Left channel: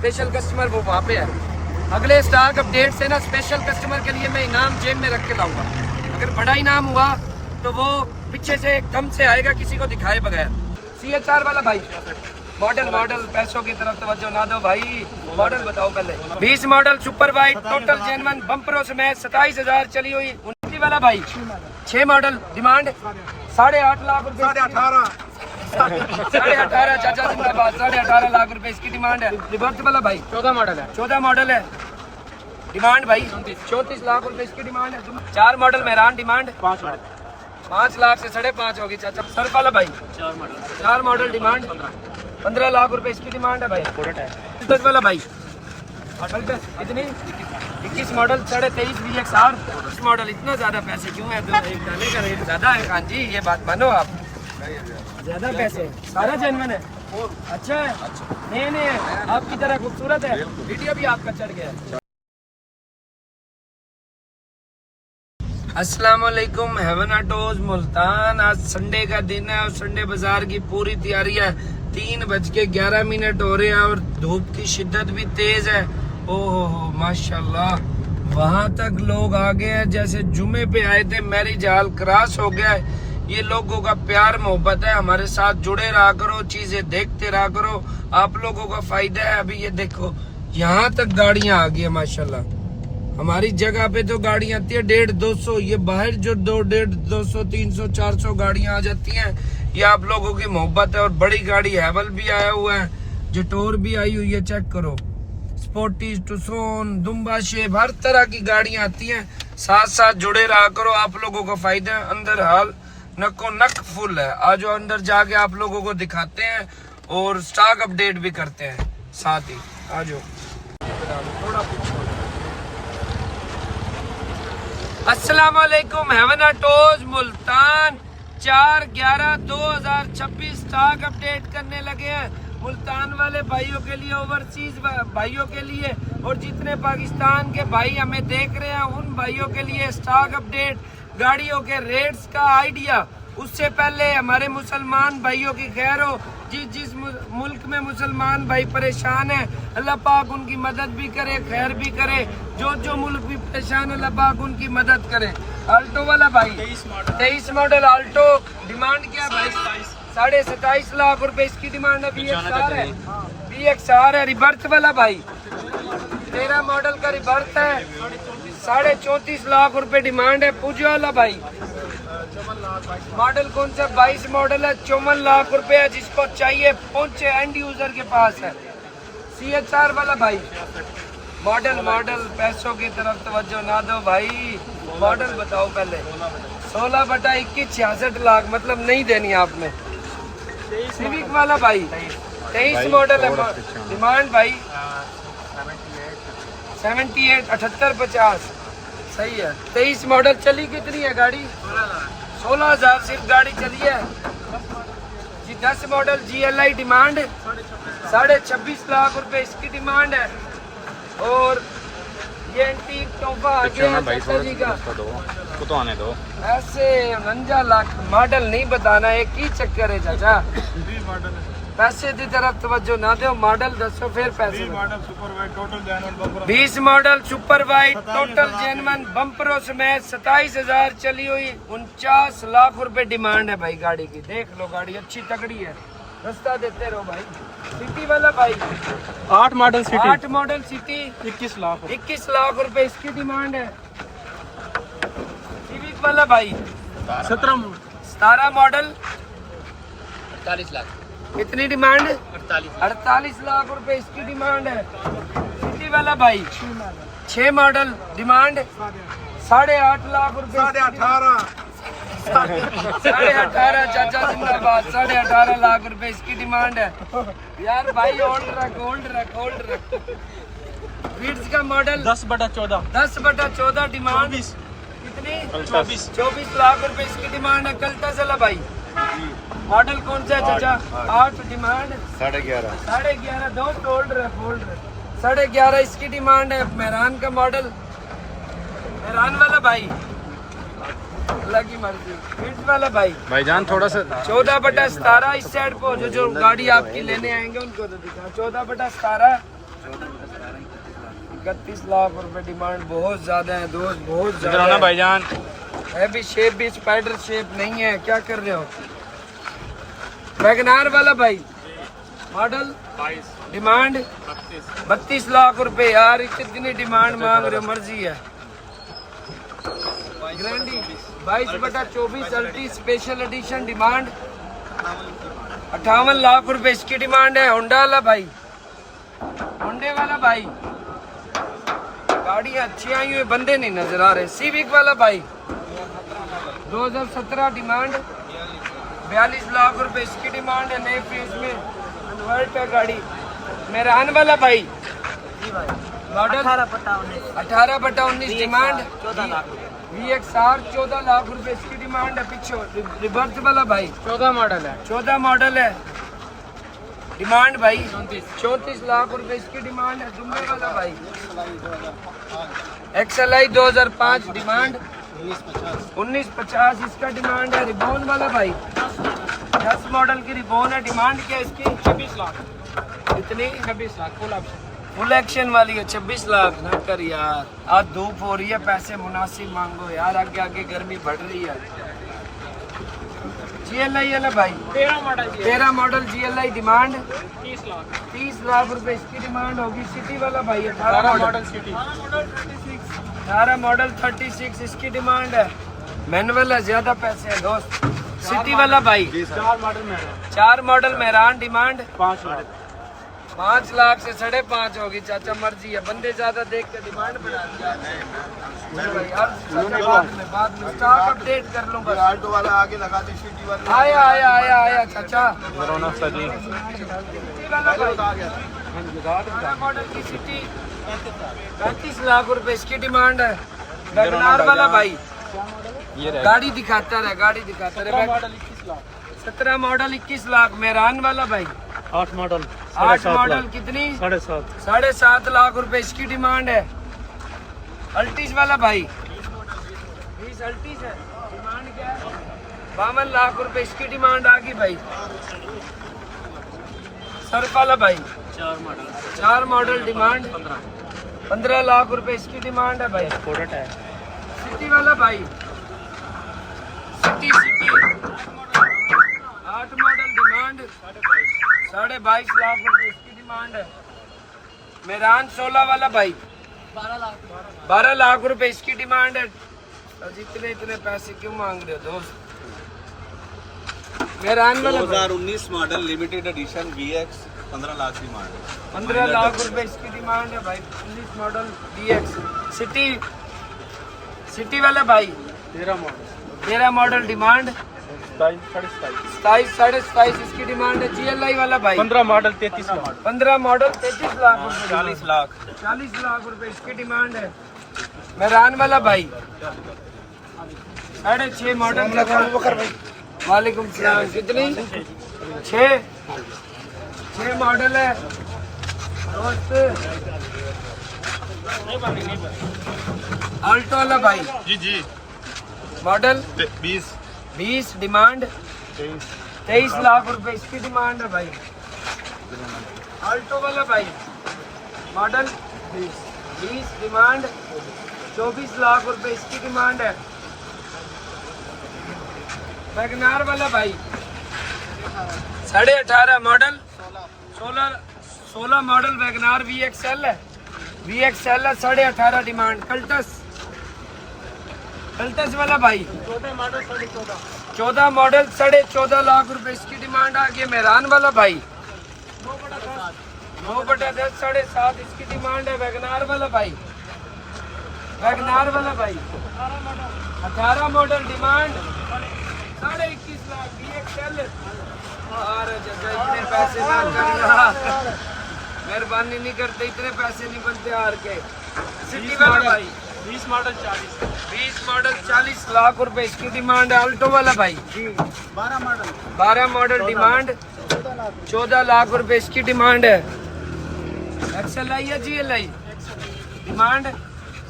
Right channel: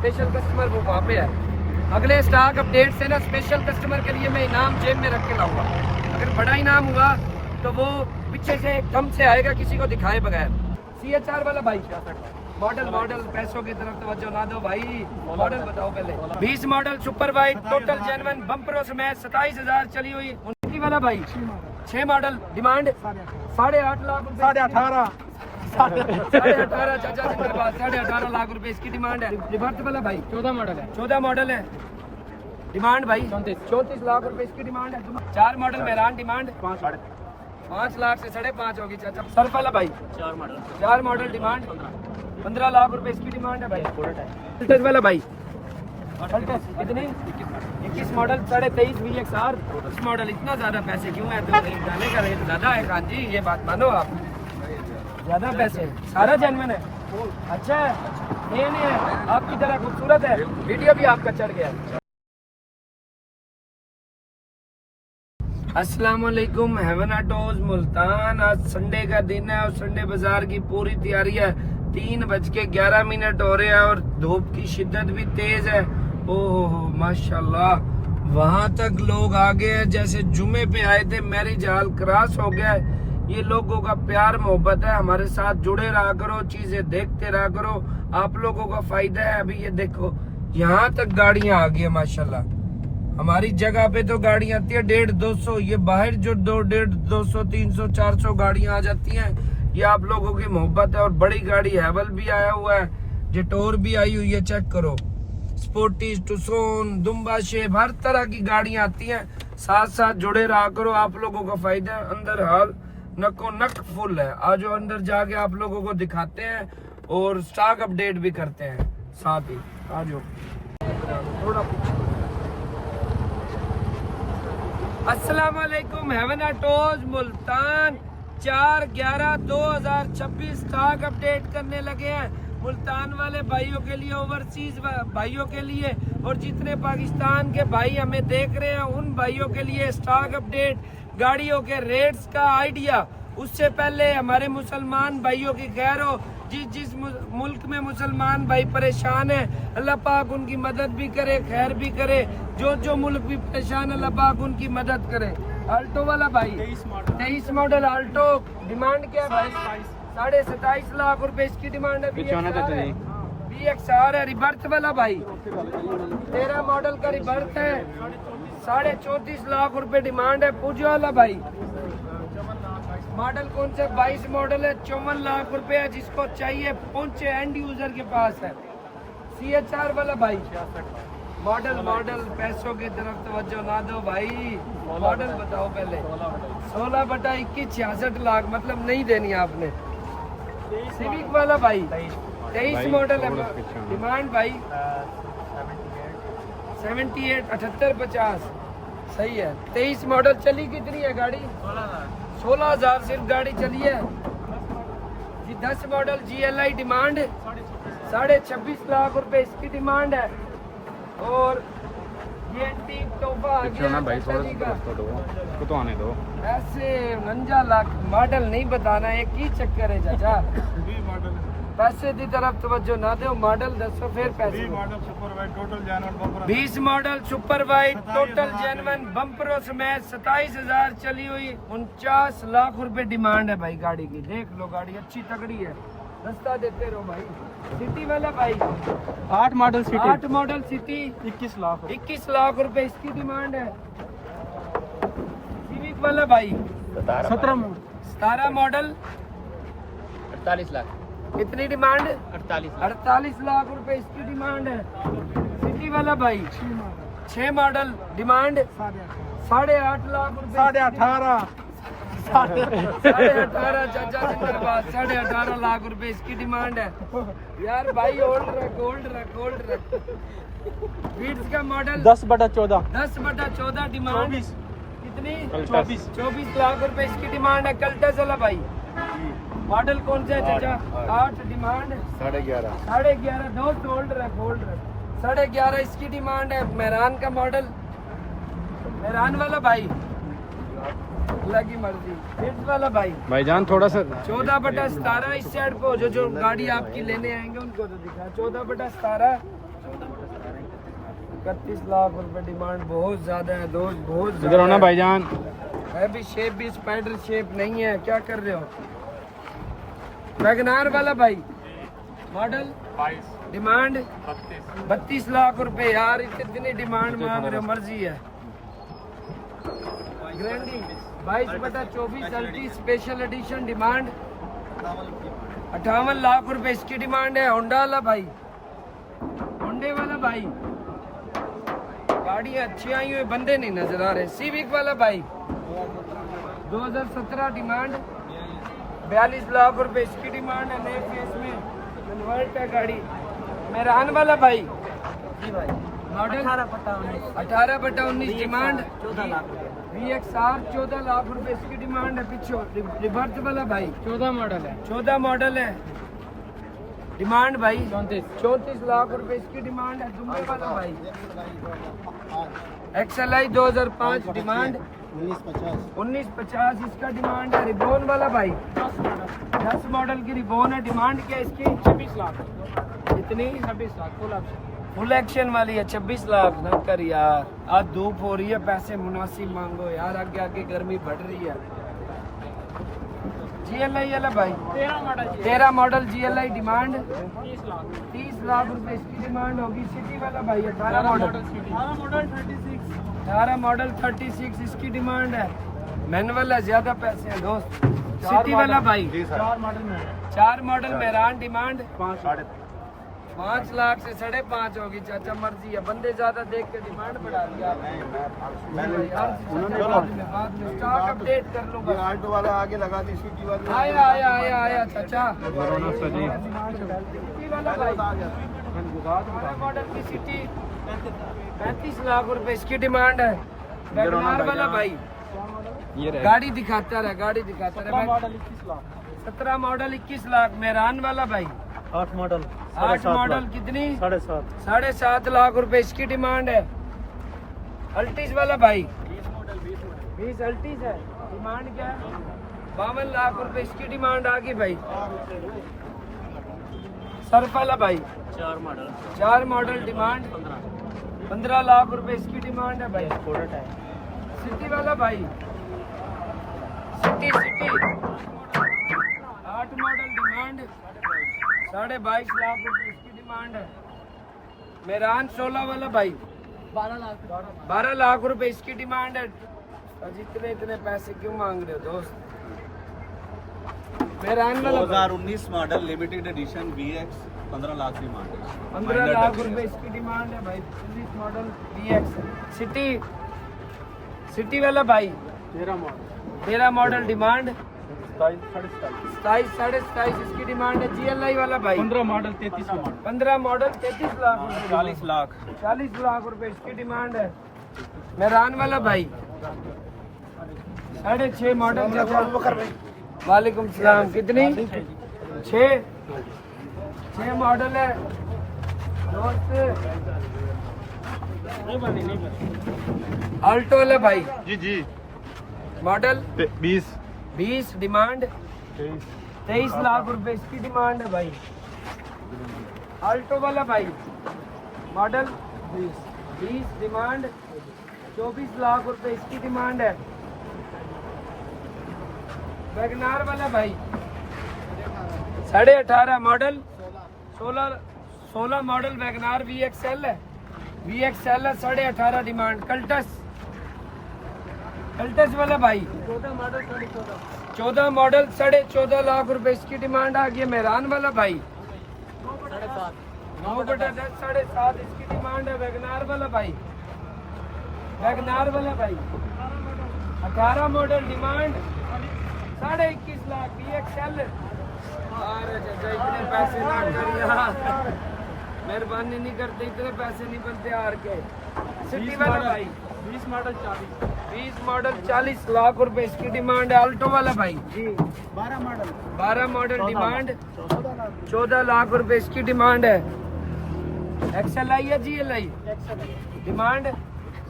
Special customer वो वहाँ पे है। अगले स्टॉक अपडेट से ना स्पेशल कस्टमर के लिए मैं इनाम जेब में रख के लाऊंगा। अगर बड़ा इनाम हुआ तो वो पीछे से एकदम से आएगा किसी को दिखाए बगैर। CHR वाला भाई मॉडल पैसों की तरफ तवज्जो ना दो भाई। मॉडल बताओ पहले। 20 model super white total genuine बम्परों समेत 27,000 चली हुई। 29 वाला भाई 6 मॉडल डिमांड 8.5 लाख रुपए। 18.5 चाचा 18.5 लाख रुपए इसकी डिमांड है। रिवर्स वाला भाई 14 मॉडल है डिमांड भाई 34 लाख रुपए इसकी डिमांड है। 4 मॉडल मेहरान डिमांड 5 लाख से 5.5 होगी चाचा। सर्फ वाला भाई 4 मॉडल डिमांड 15 लाख रुपए इसकी डिमांड है भाई। 10 वाला भाई इतनी 21 मॉडल 23.5 VXR। इस मॉडल इतना ज्यादा पैसे क्यों है? तो एक दाने का रेट ज्यादा है कान जी, ये बात मानो आप। ज्यादा पैसे सारा जेन्युइन है, अच्छा है, नहीं है, आपकी तरह खूबसूरत है। वीडियो भी आपका चढ़ गया है। अस्सलाम वालेकुम हेवन ऑटोज मुल्तान। आज संडे का दिन है और संडे बाजार की पूरी तैयारी है। 3:11 हो रहे हैं और धूप की शिद्दत भी तेज है। ओहो माशाल्लाह, वहां तक लोग आ गए हैं जैसे जुमे पे आए थे। मैरिज हॉल क्रॉस हो गया है। ये लोगों का प्यार मोहब्बत है। हमारे साथ जुड़े रहा करो, चीजें देखते रहा करो, आप लोगों का फायदा है। अभी ये देखो यहाँ तक गाड़ियां आ गई है माशाल्लाह। हमारी जगह पे तो गाड़ियां आती है 150-200, ये बाहर जो 150-200 300 400 गाड़ियां आ जाती हैं। ये आप लोगों की मोहब्बत है। और बड़ी गाड़ी हैवल भी आया हुआ है, जटोर भी आई हुई है, चेक करो। स्पोर्टीज, टुसोन, दुम्बा शेप, हर तरह की गाड़ियां आती हैं। साथ साथ जुड़े रहा करो, आप लोगों का फायदा है। अंदर हाल नको नक फुल है। आज अंदर जाके आप लोगों को दिखाते हैं और स्टॉक अपडेट भी करते हैं साथ ही। आज अस्सलाम वालेकुम heaven autos Multan. 4/11/2026 stock update करने लगे हैं मुल्तान वाले भाइयों के लिए, ओवरसीज भाइयों के लिए और जितने पाकिस्तान के भाई हमें देख रहे हैं उन भाइयों के लिए स्टॉक अपडेट, गाड़ियों के रेट्स का आइडिया। उससे पहले हमारे मुसलमान भाइयों की खैर हो। जिस मुल्क में मुसलमान भाई परेशान है अल्लाह पाक उनकी मदद भी करे, खैर भी करे। जो मुल्क भी परेशान है अल्लाह पाक उनकी मदद करे। आल्टो वाला भाई 23 मॉडल आल्टो डिमांड क्या है भाई? 27.5 लाख रुपए इसकी डिमांड है। VXR है। रिबर्थ वाला भाई 13 मॉडल का रिबर्थ है, 34.5 लाख रुपए डिमांड है। पूजा वाला भाई मॉडल कौन सा? 22 मॉडल है, 54 लाख रुपए है। जिसको चाहिए पहुंचे, एंड यूजर के पास है। CHR वाला भाई मॉडल पैसों की तरफ तवज्जो ना दो भाई। मॉडल बताओ पहले। 16/21 66 लाख, मतलब नहीं देनी आपने। सिविक वाला भाई 23 मॉडल है, डिमांड भाई 78 78 50 सही है। 23 मॉडल चली कितनी है गाड़ी? 16,000 सिर्फ गाड़ी चली है जी। 10 मॉडल GLI डिमांड 26.5 लाख रुपए इसकी डिमांड है। और ये एंटीक तोहफा भाई तो आने दो। ऐसे 49 लाख मॉडल नहीं बताना, एक ही चक्कर है चाचा। पैसे की तरफ तवज्जो ना दो, मॉडल दसो फिर पैसे। 20 model super white total genuine बम्परों समेत 27,000 चली हुई। 49 लाख रुपए डिमांड है भाई गाड़ी की। देख लो गाड़ी अच्छी तगड़ी है, रास्ता देते रहो भाई। सिटी वाला भाई 8 मॉडल सिटी 21 लाख रुपए इसकी डिमांड है। सिविक वाला भाई 17 मॉडल 48 लाख कितनी डिमांड? 48 लाख रुपए इसकी डिमांड है। सिटी वाला भाई 6 मॉडल डिमांड 8.5 लाख रुपए। 18.5 चाचा 18.5 लाख रुपए इसकी डिमांड है। यार भाई होल्ड रख। वीड्स का मॉडल 10/14 डिमांड कितनी? 24 लाख रुपए इसकी डिमांड है। कल्टा चला भाई मॉडल कौन सा है चाचा? 8 डिमांड 11.5 दो फोल्ड रख 11.5 इसकी डिमांड है। मेहरान का मॉडल, मेहरान वाला भाई अल्लाह की मर्जी। फिट्स वाला भाईजान थोड़ा सा 14/17 इस साइड को जो गाड़ी आपकी लेने आएंगे उनको तो दिखा। 14/17 31 लाख रुपए डिमांड, बहुत ज्यादा है दोस्त, बहुत इधर होना भाईजान। हैवी शेप भी स्पाइडर शेप नहीं है, क्या कर रहे हो? वैगनार वाला भाई, मॉडल 22 डिमांड 32 लाख रुपए। यार कितनी डिमांड मांग रहे हो, मर्जी है। ग्रैंडी 22/24 अल्टी स्पेशल एडिशन, डिमांड 58 लाख रुपए इसकी डिमांड है। होंडा वाला भाई, होंडे वाला भाई, गाड़ियाँ अच्छी आई हुई, बंदे नहीं नजर आ रहे। सिविक वाला भाई 2017 डिमांड 42 लाख रुपए इसकी डिमांड है। नए फेस में कन्वर्ट का गाड़ी। मेहरान वाला भाई मॉडल 18/19 डिमांड 14 लाख रुपए। VXR 14 लाख रुपए इसकी डिमांड है। पीछे रिवर्स वाला भाई 14 मॉडल है। 14 मॉडल है, डिमांड भाई 34 लाख रुपए इसकी डिमांड है। दुबई वाला भाई XLI 2005 डिमांड 1950 इसका डिमांड है। रिबोन वाला भाई 10 मॉडल की रिबोन है। डिमांड क्या इसकी? 26 लाख। कितनी? 26 लाख फुल एक्शन वाली है। 26 लाख ना कर यार, आज धूप हो रही है, पैसे मुनासिब मांगो यार, आगे आगे गर्मी बढ़ रही है। GLI वाला भाई 13 मॉडल GLI डिमांड 30 लाख रुपए इसकी डिमांड होगी। सिटी वाला भाई 18 मॉडल 18 मॉडल 36 इसकी डिमांड है। मैनुअल है, ज्यादा पैसे हैं दोस्त। सिटी वाला भाई 4 मॉडल मेहरान, डिमांड 5 लाख से 5.5 होगी। चाचा मर्जी है, बंदे ज्यादा देख के डिमांड बढ़ा दिया भाई। यार बाद में स्टॉक अपडेट कर लूँ बस। ऑटो वाला आगे लगा दे, सिटी वाला आया आया आया आया चाचा। रौनक सजी सिटी वाला भाई 12 मॉडल की सिटी 35 लाख रुपए इसकी डिमांड है। वैगनार वाला भाई ये रहे। गाड़ी दिखाता रहे, गाड़ी दिखाता रहे। 17 मॉडल 21 लाख। मेहरान वाला भाई 8 मॉडल 8 मॉडल कितनी? 7.5 7.5 लाख रुपए इसकी डिमांड है। अल्टीज वाला भाई 20 अल्टीज है, डिमांड क्या है? 52 लाख रुपए इसकी डिमांड आ गई भाई। सर्फ वाला भाई 4 मॉडल डिमांड 15 लाख रुपए इसकी डिमांड है भाई। सिटी वाला भाई सिटी 8 मॉडल डिमांड 22.5 लाख रुपए इसकी डिमांड है। मेहरान 16 वाला भाई 12 लाख रुपए इसकी डिमांड है। इतने इतने पैसे क्यों मांग रहे हो दोस्त? मेहरान वाला 2019 model limited edition VX 15 lakh demand है। 15 लाख रुपए इसकी डिमांड है भाई। 19 मॉडल VX सिटी। सिटी वाला भाई 13 मॉडल डिमांड 27 27.5 इसकी डिमांड है। GLI वाला भाई 15 मॉडल 33 लाख। 15 मॉडल 33 लाख रुपए 40 लाख 40 लाख रुपए इसकी डिमांड है। मेहरान वाला भाई 6.5 मॉडल का। वालेकुम सलाम। कितनी? 6 मॉडल है दोस्त। अल्टो वाला भाई जी मॉडल 20 डिमांड 23 लाख रुपए इसकी डिमांड है भाई। अल्टो वाला भाई मॉडल 20 डिमांड 24 लाख रुपए इसकी डिमांड है। वैगनार वाला भाई 18.5 मॉडल 16 मॉडल वैगनार VXL है। VXL है 18.5 डिमांड। कल्टस वाला भाई 14 मॉडल 14.5 लाख रुपए इसकी डिमांड आ गई। मेहरान वाला भाई 9/10 7.5 इसकी डिमांड है। वैगनार वाला भाई 18 मॉडल डिमांड 21.5 लाख VXL। अरे चाचा इतने पैसे ना करिए, मेहरबानी नहीं करते, इतने पैसे नहीं बनते हार के। सिटी वाला भाई 20 मॉडल 40 लाख रुपए इसकी डिमांड है। अल्टो वाला भाई 12 मॉडल डिमांड 14 लाख रुपए इसकी डिमांड है। XLI या GLI डिमांड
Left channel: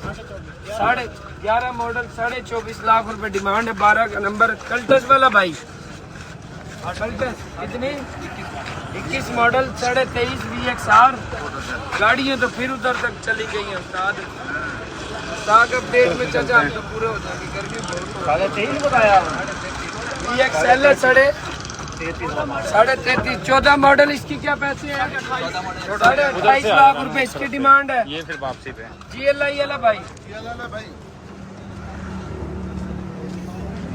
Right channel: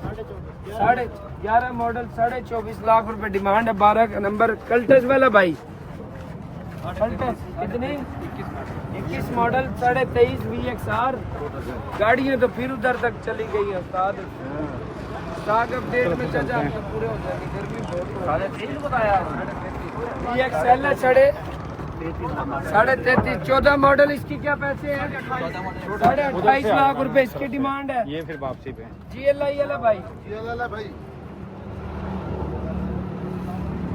11.5 मॉडल 24.5 लाख रुपए डिमांड है। 12 का नंबर। कल्टस वाला भाई कल्टस कितनी 21 मॉडल 23.5 VXR गाड़ियाँ तो फिर उधर तक चली गई हैं उस्ताद। स्टॉक अपडेट में चाचा आप तो पूरे हो जाएंगे, गर्मी बहुत हो रही है। VXL है 33.5 14 मॉडल, इसकी क्या पैसे हैं? 28 लाख रुपए इसकी डिमांड है। ये फिर वापसी पे GLI वाला भाई,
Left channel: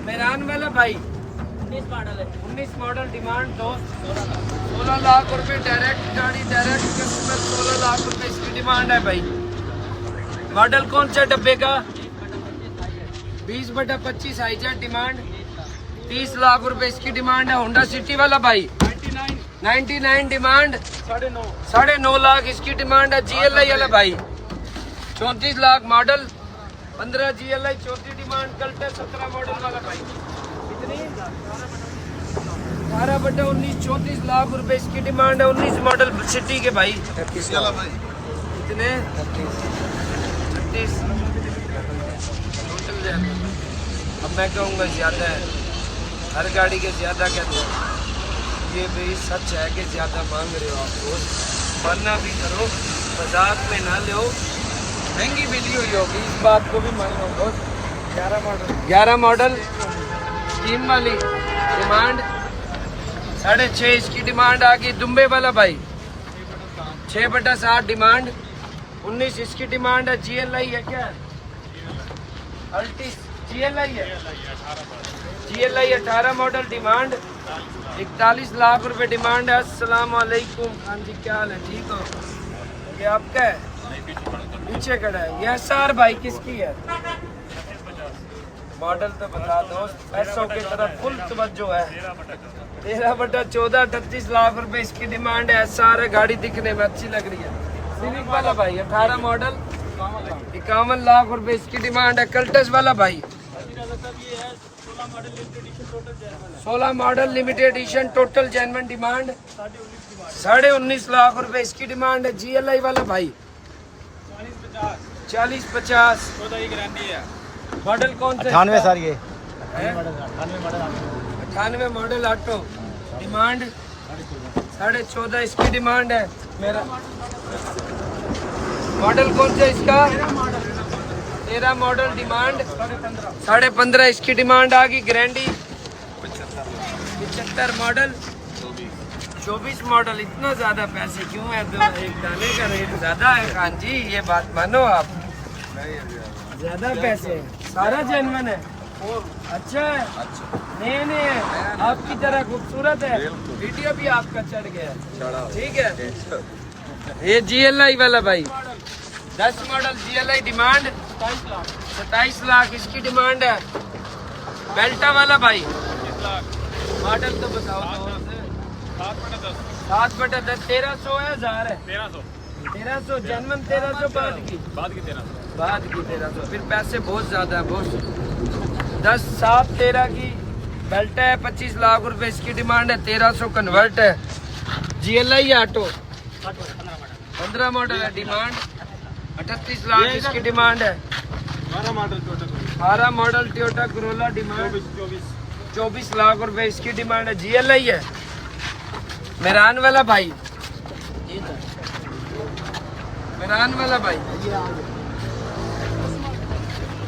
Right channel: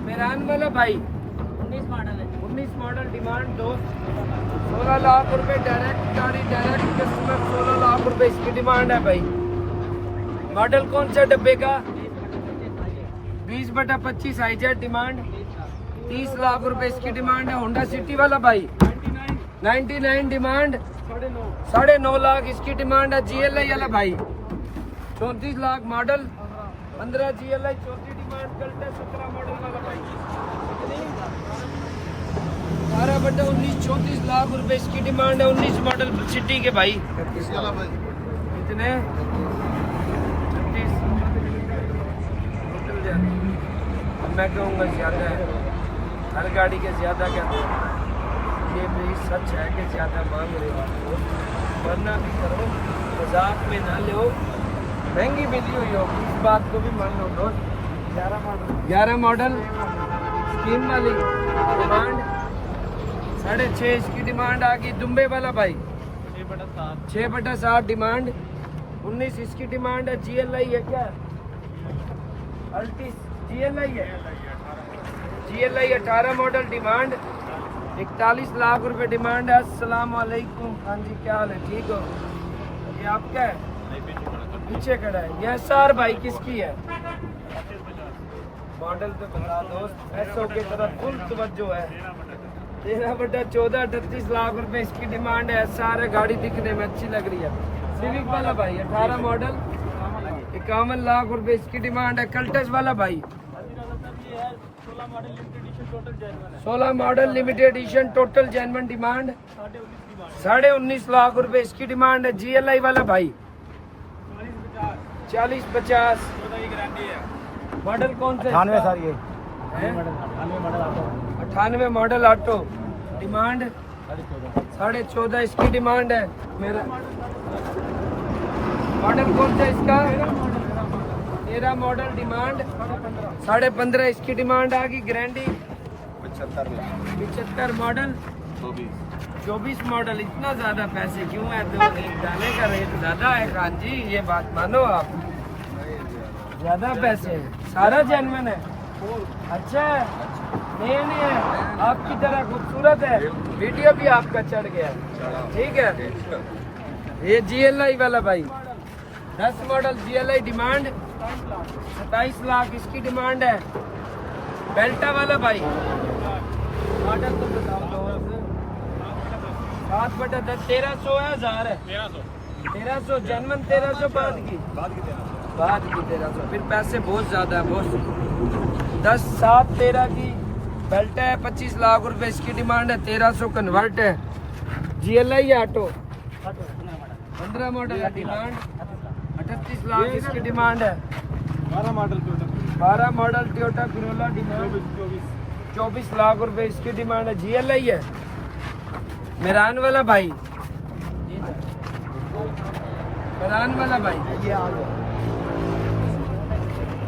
मेरान वाला भाई 19 मॉडल डिमांड दोस्त 16 लाख रुपए डायरेक्ट गाड़ी, डायरेक्ट कस्टमर 16 लाख रुपए इसकी डिमांड है भाई। मॉडल कौन से डब्बे का? 20/25 हाईजेट डिमांड 30 लाख रुपए इसकी डिमांड है। होंडा सिटी वाला भाई 99 डिमांड 9.5 लाख इसकी डिमांड है। GLI वाला भाई 34 लाख मॉडल 15 GLI 34 डिमांड। कल्टे 17 मॉडल वाला भाई कितनी 18/19 34 लाख रुपए इसकी डिमांड है। 19 मॉडल सिटी के भाई कितने 36 टोटल जाने। अब मैं कहूँगा ज़्यादा है, हर गाड़ी के ज़्यादा कहते हैं। ये भी सच है कि ज़्यादा मांग रहे हो आप लोग, वरना भी करो, मजाक में ना लो, महंगी मिली हुई होगी, इस बात को भी मान लो। बहुत 11 मॉडल स्कीम वाली डिमांड 6.5 इसकी डिमांड आ गई। दुम्बे वाला भाई 6/7 डिमांड 19 इसकी डिमांड है। GLI है क्या? अल्टिस GLI है। GLI 18 मॉडल डिमांड 41 लाख रुपए डिमांड है। अस्सलाम वालेकुम खान जी, क्या हाल है? ठीक हो? ये आपका है, नीचे खड़ा है। ये SR भाई किसकी है? मॉडल तो बता दोस्त, पैसों की तरफ फुल तवज्जो है। 13/14 38 लाख रुपए इसकी डिमांड है। SR है, गाड़ी दिखने में अच्छी लग रही है। सिविक वाला भाई 18 मॉडल 51 लाख रुपए इसकी डिमांड है। कल्टस वाला भाई 16 model limited edition total genuine demand 19.5 lakh रुपए इसकी डिमांड है। GLI वाला भाई 40-50 मॉडल कौन सा? 98 सर, ये 98 मॉडल ऑटो डिमांड 14.5 इसकी डिमांड है। मेरा मॉडल कौन सा इसका? 13 मॉडल डिमांड 15.5 इसकी डिमांड आ गई। ग्रैंडी 75 मॉडल 24 मॉडल। इतना ज्यादा पैसे क्यों है? तो एक दाने का रेट ज्यादा है खान जी, ये बात मानो आप, ज्यादा पैसे। सारा जेन्युइन है, अच्छा है, नए है, आपकी तरह खूबसूरत है। वीडियो भी आपका चढ़ गया है, ठीक है। ये GLI वाला भाई 10 मॉडल GLI डिमांड 27 लाख इसकी डिमांड है। बेल्टा वाला भाई मॉडल तो बताओ तो 7/10 1300 है, 1000 है 1300 जेन्युइन 1300 बाद की 1300 फिर पैसे बहुत ज्यादा है बॉस। 10/7/13 की बेल्ट है 25 लाख रुपए इसकी डिमांड है। 1300 कन्वर्ट है। GLI ऑटो 15 मॉडल है डिमांड 38 लाख इसकी डिमांड है। 12 model Toyota Corolla demand 24 lakh रुपए इसकी डिमांड है। GLI है। मेरान वाला भाई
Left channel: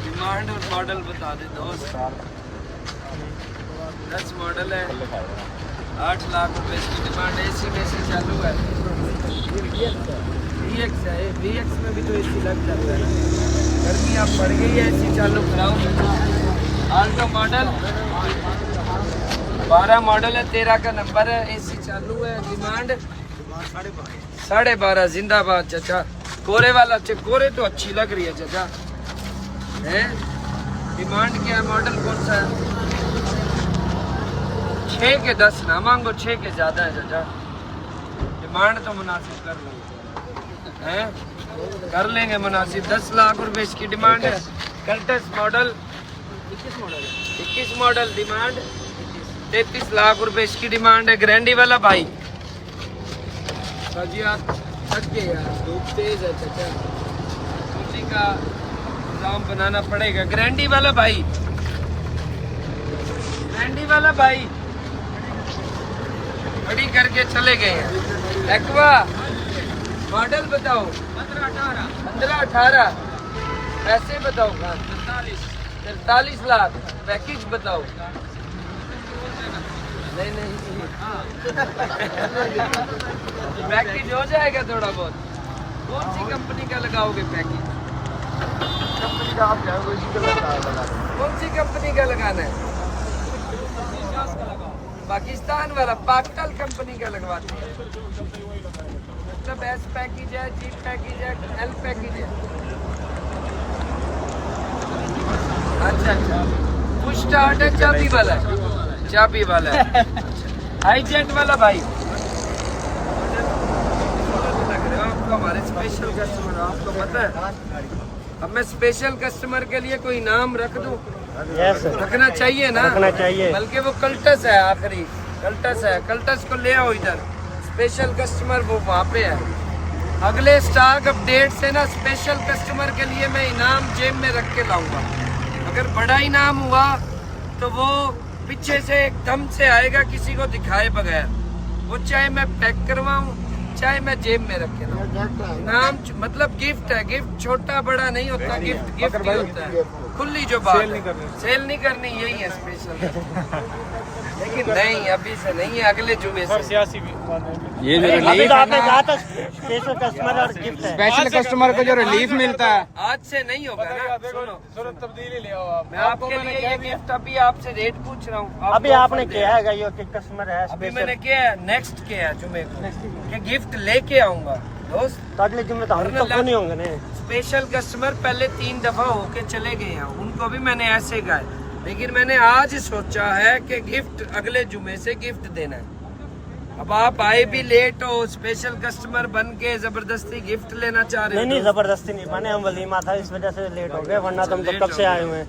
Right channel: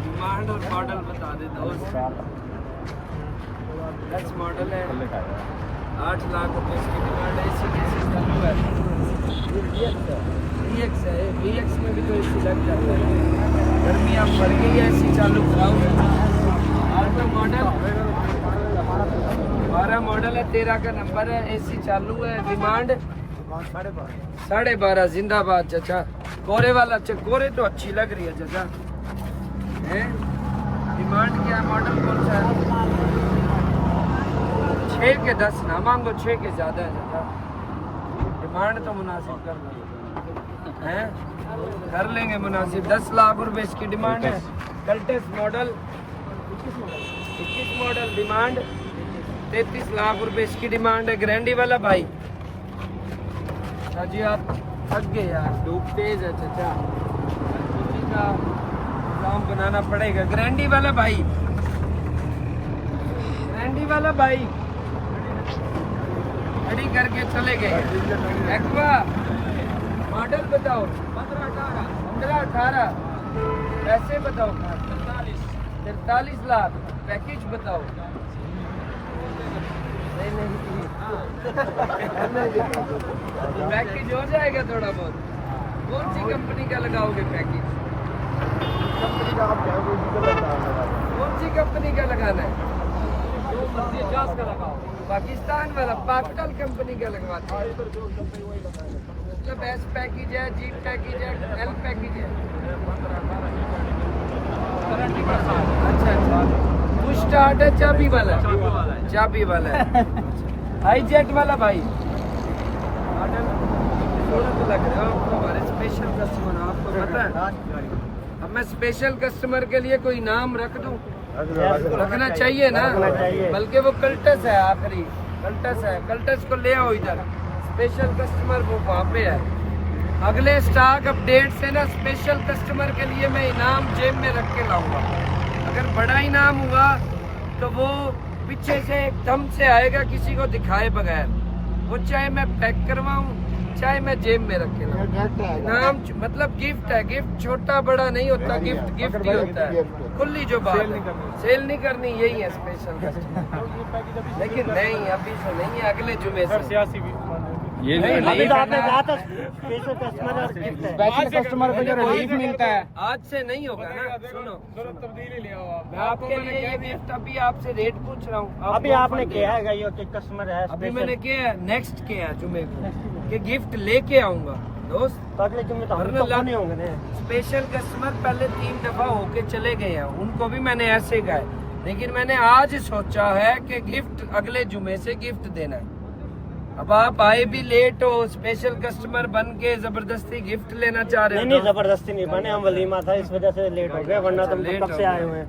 डिमांड और मॉडल बता दे दोस्त। 10 मॉडल है 8 लाख रुपए इसकी डिमांड है। AC में से चालू है। VX है, VX में भी तो AC लग जाता है, गर्मी अब बढ़ गई है, AC चालू कराओ। आल्टो मॉडल 12 मॉडल है 13 का नंबर है। AC चालू है। डिमांड 12.5 जिंदाबाद चाचा। कोरे वाला कोरे तो अच्छी लग रही है चाचा है। डिमांड क्या है? मॉडल कौन सा है? 6 के 10 ना मांगो, 6 के ज्यादा है चाचा। डिमांड तो मुनासिब कर लो हैं, कर लेंगे मुनासिब। 10 लाख रुपए इसकी डिमांड है। Cultus model 21 model demand 33 lakh रुपए इसकी डिमांड है। ग्रैंडी वाला भाई जी आप थक गए यार, धूप तेज है चाचा, कुर्सी का इंतजाम बनाना पड़ेगा। ग्रैंडी वाला भाई खड़ी करके चले गए हैं। एक्वा मॉडल बताओ। 15-18 पैसे बताओ। 43 लाख। पैकेज बताओ। नहीं पैकेज हो जाएगा थोड़ा बहुत। कौन सी कंपनी का लगाओगे पैकेज? कंपनी का आप क्या कोई सी लगा कौन सी कंपनी का लगाना है? पाकिस्तान वाला पाकटल कंपनी का लगवाते हैं। मतलब एस पैकेज है, जी पैकेज है, एल पैकेज है। अच्छा पुश स्टार्ट है, चाबी वाला है। चाबी वाला है। हाई जेट वाला भाई लग रहे हो आपको। हमारे स्पेशल कस्टमर आपको पता है। अब मैं स्पेशल कस्टमर के लिए कोई नाम रख दूं? रखना चाहिए ना। बल्कि वो कल्टस है, आखिरी कल्टस है। कल्टस को ले आओ इधर। स्पेशल कस्टमर वो वहाँ पे है। अगले स्टॉक अपडेट से ना स्पेशल कस्टमर के लिए मैं इनाम जेब में रख के लाऊंगा। अगर बड़ा इनाम हुआ तो वो पीछे से एकदम से आएगा, किसी को दिखाए बगैर। वो चाहे मैं पैक करवाऊं, चाहे मैं जेब में रख के लाऊं। इनाम मतलब गिफ्ट है। गिफ्ट छोटा बड़ा नहीं होता, गिफ्ट गिफ्ट ही होता है। खुली जो बात है, सेल नहीं करनी, यही है स्पेशल का। लेकिन नहीं, अभी से नहीं है, अगले जुमे से। ये जो रिलीफ स्पेशल कस्टमर को जो रिलीफ मिलता है आज से नहीं होगा ना। सुनो मैं आपके लिए ये गिफ्ट अभी आपसे रेट पूछ रहा हूँ। अभी आपने किया है ये कि कस्टमर है। अभी मैंने किया है, नेक्स्ट किया है जुमे को कि गिफ्ट लेके आऊंगा दोस्त। अगले जुम्मे तो वरना हम तो नहीं होंगे ना। स्पेशल कस्टमर पहले 3 दफा होके चले गए हैं, उनको भी मैंने ऐसे कहा है। लेकिन मैंने आज सोचा है कि गिफ्ट अगले जुमे से गिफ्ट देना है। अब आप आए भी लेट हो, स्पेशल कस्टमर बन के जबरदस्ती गिफ्ट लेना चाह रहे हो। नहीं जबरदस्ती नहीं बने, हम वलीमा था इस वजह से लेट हो गए, वरना तुम तो कब से आए हुए हैं।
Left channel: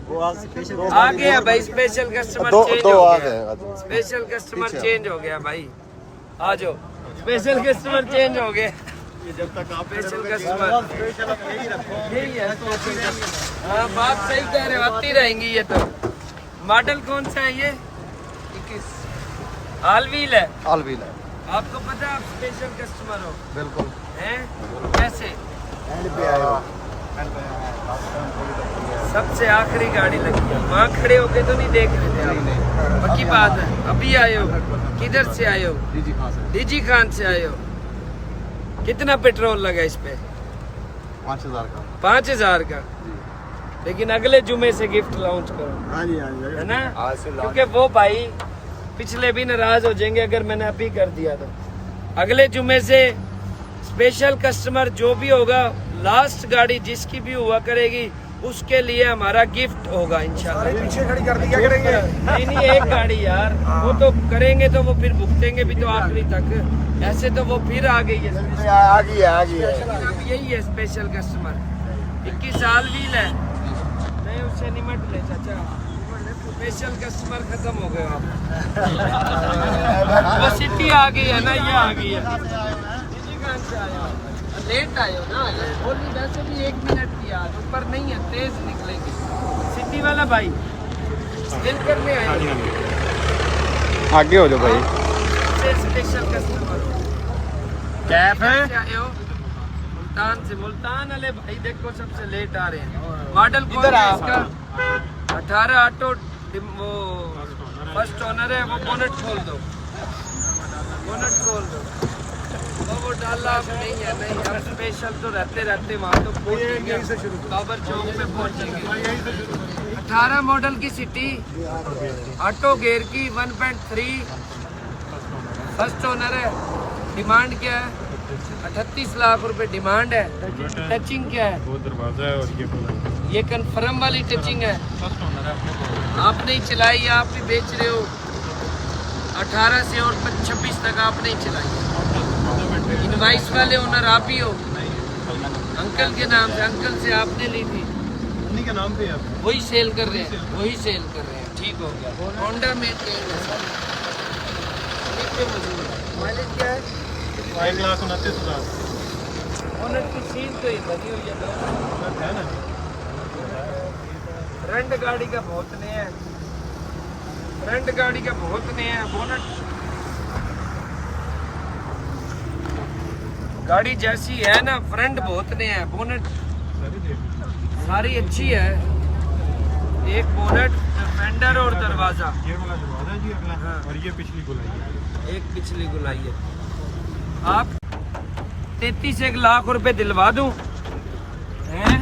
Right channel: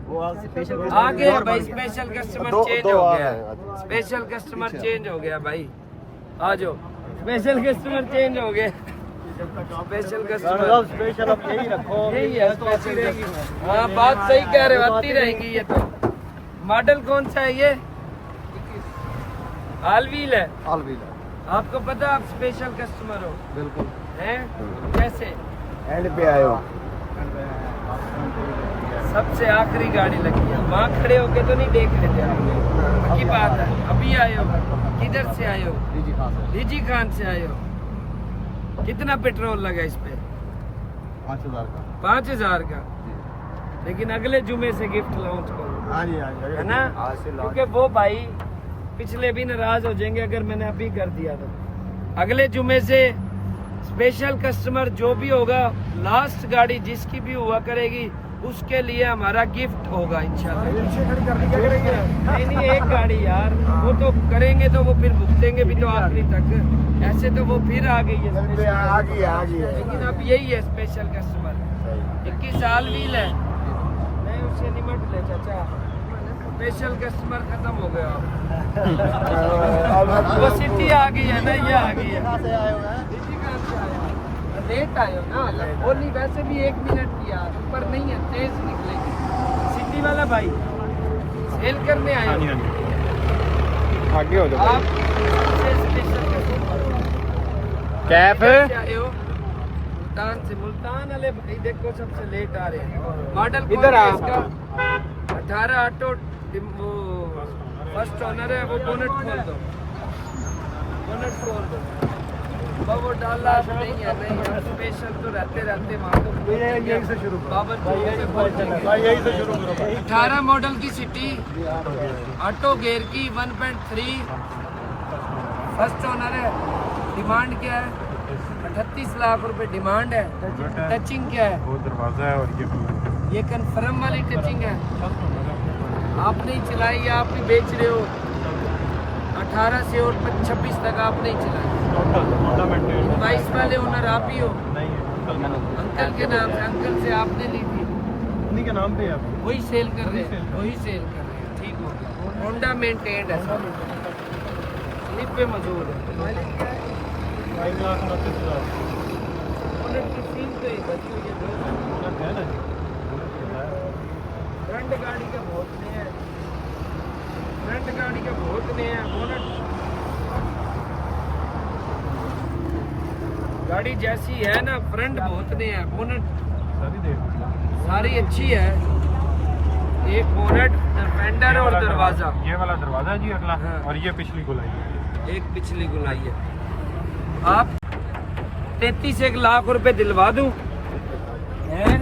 आ गया भाई, स्पेशल कस्टमर चेंज हो गया। स्पेशल कस्टमर चेंज हो गया भाई, आ जाओ। स्पेशल कस्टमर चेंज हो गया। स्पेशल कस्टमर यही है स्पेशल कस्टमर। हाँ, बात सही कह रहे हो, आती रहेंगी ये तो। मॉडल कौन सा है ये? 21 ऑल व्हील है। ऑल व्हील है। आपको पता है आप स्पेशल कस्टमर हो? बिल्कुल। हैं? कैसे? एंड पे आए हो। सबसे आखिरी गाड़ी लगी है। वहाँ खड़े होके तो नहीं देख लेते आप। पक्की बात है। अभी आए हो? किधर से आए हो? डीजी खान से। डीजी खान से आए हो। कितना पेट्रोल लगा इस पे? 5000 का। 5000 का। लेकिन अगले जुमे से गिफ्ट लॉन्च करो, हाँ जी है ना? क्योंकि वो भाई पिछले भी नाराज हो जाएंगे अगर मैंने अभी कर दिया तो। अगले जुमे से स्पेशल कस्टमर जो भी होगा, लास्ट गाड़ी जिसकी भी हुआ करेगी, उसके लिए हमारा गिफ्ट होगा इंशाल्लाह। नहीं एक गाड़ी यार, वो तो करेंगे तो वो फिर भुगतेंगे भी तो आखिरी तक। ऐसे तो वो फिर आ गई है। लेकिन अब यही है स्पेशल कस्टमर। 21 साल व्हील है। नहीं उससे निमट ले चाचा, स्पेशल कस्टमर खत्म हो गया आप। वो सिटी आ गई है ना, ये आ गई है। लेट आए हो ना, होली वैसे भी 1 मिनट की आज ऊपर नहीं है, तेज निकलेगी। सिटी वाला भाई सेल करने आए आगे हो जाओ भाई। स्पेशल कस्टमर कैफ आए हो मुल्तान से। मुल्तान वाले भाई देखो सबसे लेट आ रहे हैं। मॉडल इधर आ। इसका 18 ऑटो, वो फर्स्ट ओनर है। वो बोनट खोल दो, बोनट खोल दो। वो डाला नहीं है। नहीं हम स्पेशल तो रहते वहाँ तो बाबर चौक पे पहुँचेंगे। 18 मॉडल की सिटी, ऑटो गेयर की, 1.3 फर्स्ट ओनर है। डिमांड क्या है? 38 लाख रुपए डिमांड है। टचिंग क्या है? वो दरवाजा है और ये कन्फर्म वाली टचिंग है। आप नहीं चलाई, आप भी बेच रहे हो। 18 से और 26 तक आप नहीं चलाई। इनवाइस वाले ओनर आप ही हो। अंकल के नाम से, अंकल से आपने ली थी, उन्हीं के नाम पे आप वही सेल कर रहे हैं, वही सेल कर रहे हैं। ठीक हो गया। होंडा मेंटेन है, मौजूद है। माइलेज क्या है? 1,29,000 ओनर की सील तो ही बनी हुई है ना। फ्रंट गाड़ी का बहुत नहीं है, फ्रंट गाड़ी का बहुत नहीं है। बोनट गाड़ी जैसी है ना, फ्रंट बहुत ने है, बोनट सारी अच्छी है। एक बोनट, फेंडर और दरवाजा। ये वाला दरवाजा जी अगला, हाँ। और ये पिछली गोलाई है। एक पिछली गुलाई है। आप 33 लाख रुपए दिलवा दूं हैं?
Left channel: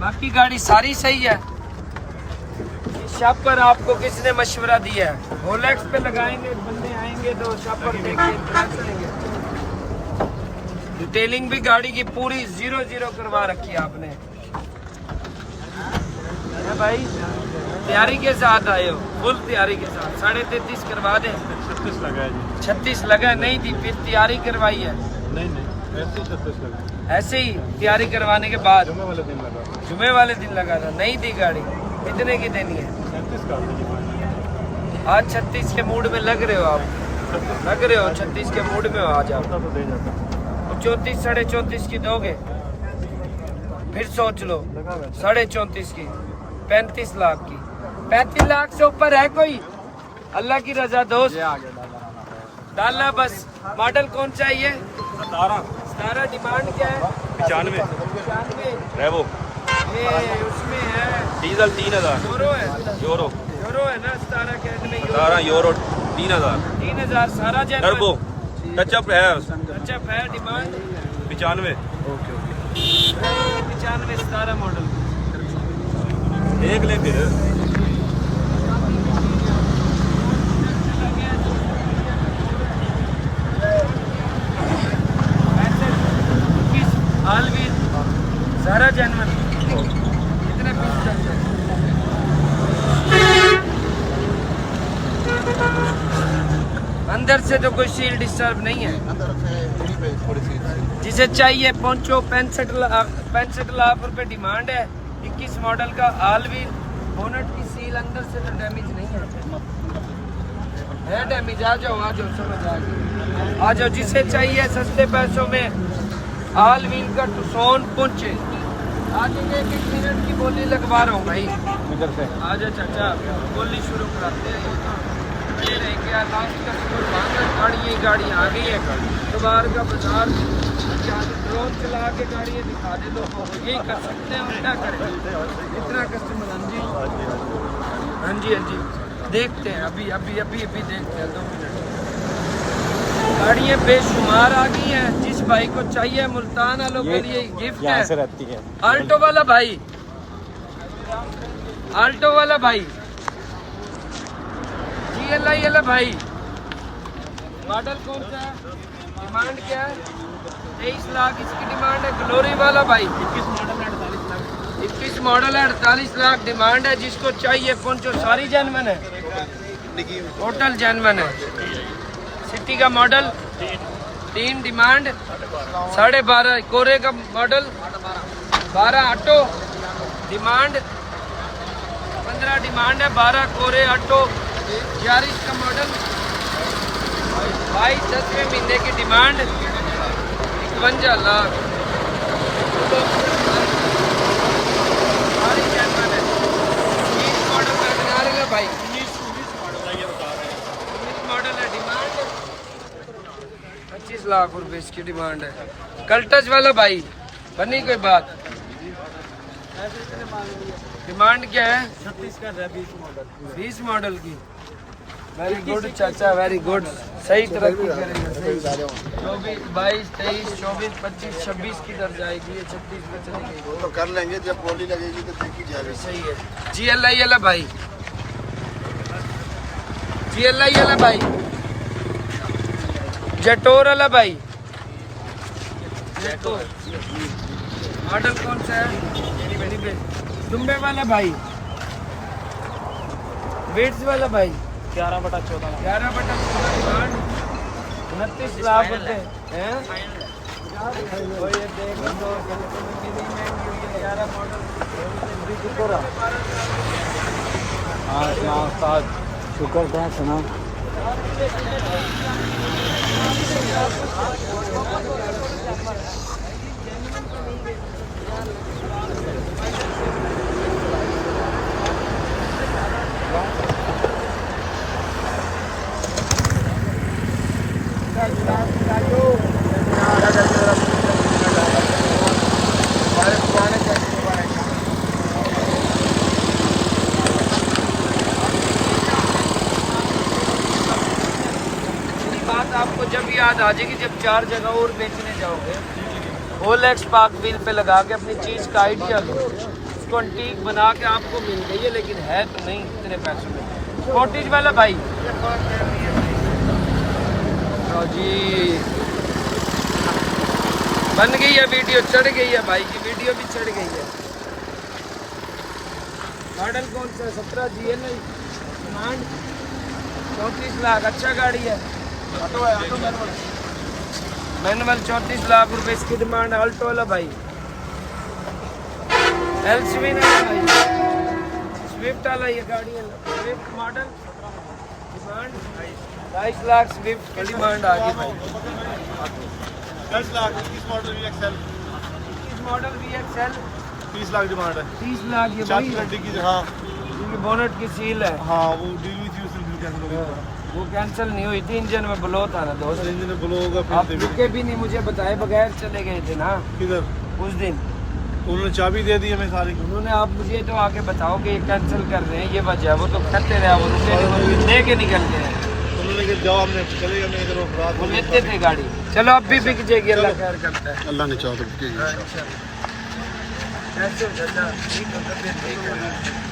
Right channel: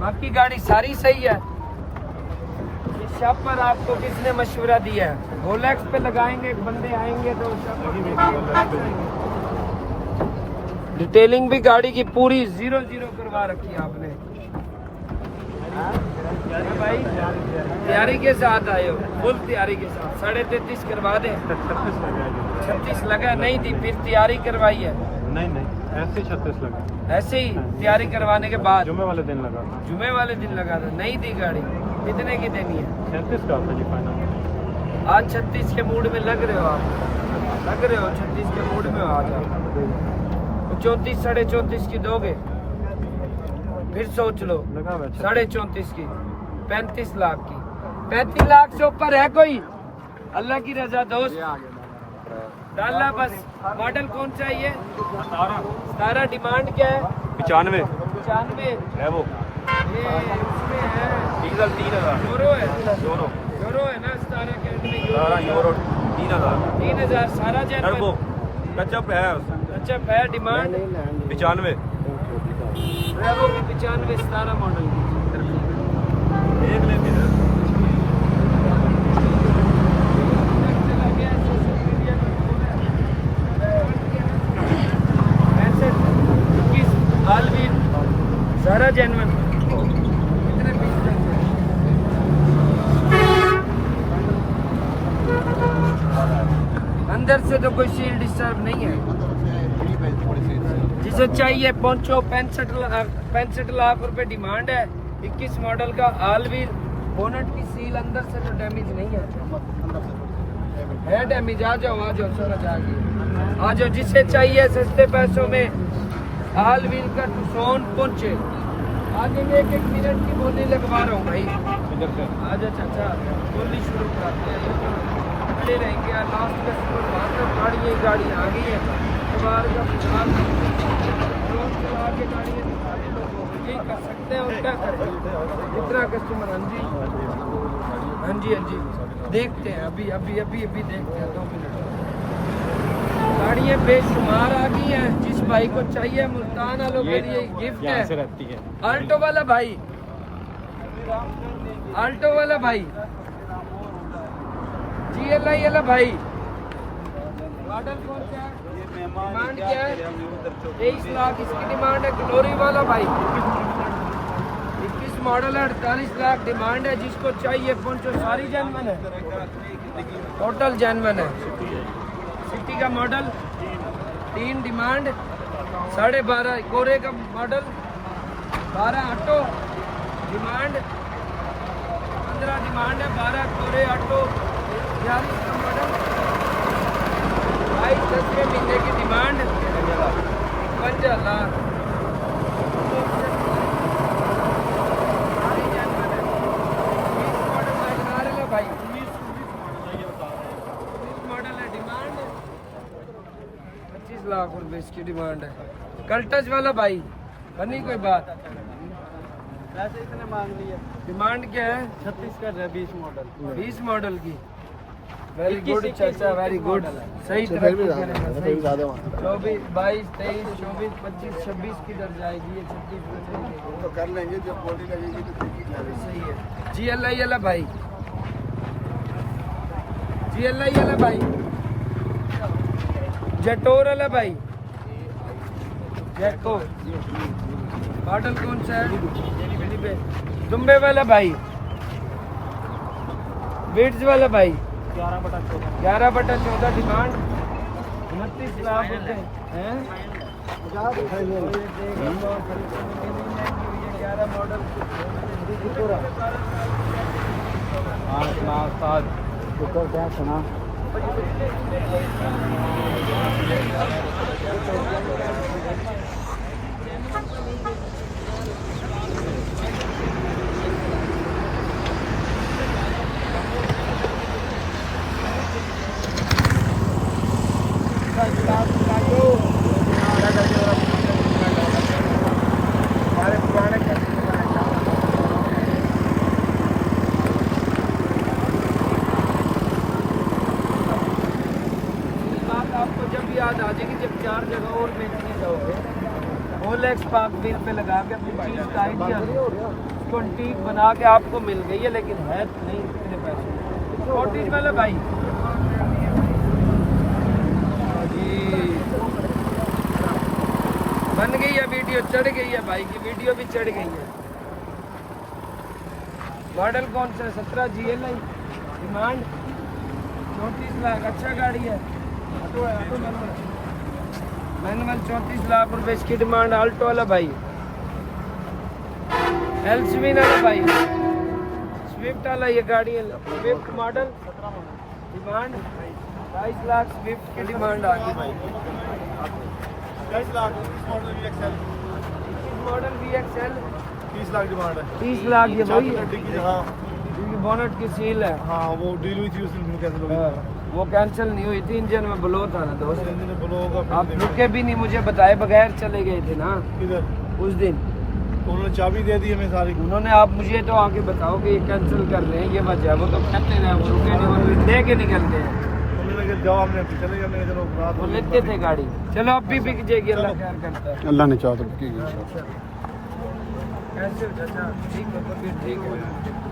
बाकी गाड़ी सारी सही है। शॉप पर आपको किसने मशवरा दिया है? रोलेक्स पे लगाएंगे, बंदे आएंगे तो शॉप पर देखेंगे। डिटेलिंग भी गाड़ी की पूरी 0-0 करवा रखी है आपने। है भाई, तैयारी के साथ आए हो, फुल तैयारी के साथ। 33.5 करवा दे। 36 लगा है जी। 36 लगा नहीं थी, फिर तैयारी करवाई है। नहीं ऐसे 36 लगा है। ऐसे ही तैयारी करवाने के बाद जुम्मे वाले दिन लगा। जुमे वाले दिन लगा था। नहीं थी गाड़ी, कितने की देनी है? 36 का होता है। आज 36 के मूड में लग रहे हो आप, लग रहे हो 36 के मूड में हो आज आप। तो दे जाता हूँ। 34 साढ़े 34 की दोगे? फिर सोच लो, 34.5 की, 35 लाख की। 35 लाख से ऊपर है कोई? अल्लाह की रजा दोस्त, डाला बस। मॉडल कौन चाहिए? 17। डिमांड क्या है? 95 95। रेवो ये उसमें है डीजल 3000 यूरो है, यूरो यूरो है ना 17 के में यूरो। 3000 3000 सारा टर्बो जेनवन टचअप है अच्छा है। डिमांड 95 रेवो की 95 17 मॉडल की। देख ले फिर। आलवीर सारा जेनवन। कितने पीस चाहिए? अंदर से तो कोई सील डिस्टर्ब नहीं है। जिसे चाहिए पहुंचो। 65 लाख रुपए डिमांड है। 21 मॉडल का आलवीर। बोनट की सील अंदर से तो डैमेज नहीं है डैमेज। आ जाओ समझ आ गई। आ जाओ, जिसे चाहिए सस्ते पैसों में आल व्हील का टुसोन पहुंचे। आज एक मिनट की बोली लगवा रहा हूँ भाई। आजा चाचा, बोली शुरू कराते हैं। खड़े रहेंगे, लास्ट कस्टमर वहाँ तक गाड़ी आ गई है। जुगाड़ का बाजार रोड चला के गाड़ी दिखा दे तो वो यही कर सकते हैं। और क्या करें, इतना कस्टमर। हाँ जी देखते हैं, अभी देखते हैं 2 मिनट। गाड़ियाँ बेशुमार आ गई हैं। जिस भाई को चाहिए, मुल्तान वालों के लिए गिफ्ट है। आल्टो वाला भाई, GLI वाला भाई। मॉडल कौन सा है? डिमांड क्या है? 23 लाख इसकी डिमांड है। ग्लोरी वाला भाई 21 मॉडल है। 48 लाख डिमांड है। जिसको चाहिए पहुंचो। सारी जेनवन है, टोटल जेनवन है। सिटी का मॉडल 3 डिमांड। 12.5 कोरे का मॉडल। 12 auto demand. 15 डिमांड है। 12 कोरे ऑटो। 11 का मॉडल। 22 10वें महीने की डिमांड। 51 लाख। भाई 19 मॉडल है। डिमांड 25 लाख रुपए इसकी डिमांड है। कल्टस वाला भाई, बनी कोई बात? डिमांड क्या है? 36 कर रहा है 20 मॉडल की। वेरी गुड चाचा, वेरी गुड। सही तरक्की करेंगे। 24 22 23 24 25 26 की दर जाएगी। ये 36 में चलेगी तो कर लेंगे, जब बोली लगेगी तो देखी जाएगी। सही है। GLI वाला भाई, GLI वाला भाई। जेटोर वाला भाई। जेटो मॉडल कौन सा है? दुम्बे वाला भाई। वेट्स वाला भाई 11/14 डिमांड। 29 लाख रुपए हैं। और ये देखो तो कितनी महंगी हुई है। 11 मॉडल। 12 साल शुक्र है सुनो। याद आ जाएगी जब 4 जगह और बेचने जाओगे। ओलेक्स पार्क व्हील पे लगा के अपनी चीज़ का आइडिया दो, उसको अंटीक बना के आपको मिल गई है, लेकिन है तो नहीं इतने पैसों में। कॉटेज वाला भाई लो जी, बन गई है वीडियो, चढ़ गई है भाई की वीडियो भी चढ़ गई है। मॉडल कौन सा है? 17 GL डिमांड 34 लाख। अच्छा गाड़ी है, ऑटो है, ऑटो मैनुअल 34 लाख रुपए इसकी डिमांड। आल्टो वाला भाई, एल्सविन वाला भाई, स्विफ्ट वाला ये गाड़ी है, Swift model demand 22 lakh. Swift की डिमांड आ गई भाई। 10 lakh 21 model VXL 21 model VXL 30 lakh demand है। 30 लाख। ये वही है की जगह जिनकी बोनट की सील है, हाँ वो डील हुई थी, उसमें फिर कैंसिल हो गई दोबारा। वो कैंसिल नहीं हुई थी, इंजन में ब्लो था ना दोस्त। इंजन में ब्लो होगा आप फिर रुके भी नहीं, मुझे बताए बगैर चले गए थे ना किधर उस दिन। तो उन्होंने चाबी दे दी हमें सारी। उन्होंने, आप मुझे तो आके बताओ कि ये कैंसिल कर रहे हैं, ये वजह है। वो तो कहते रहे, वो रुके नहीं, वो ले के निकल गए हैं। उन्होंने कहा जाओ, हमने चले गए, मैं इधर वो लेते थे गाड़ी। चलो अब भी बिक जाएगी, अल्लाह खैर करता है। अल्लाह ने चाहा तो अच्छा, ऐसे हो जाता है, ठीक है, तबीयत ठीक है।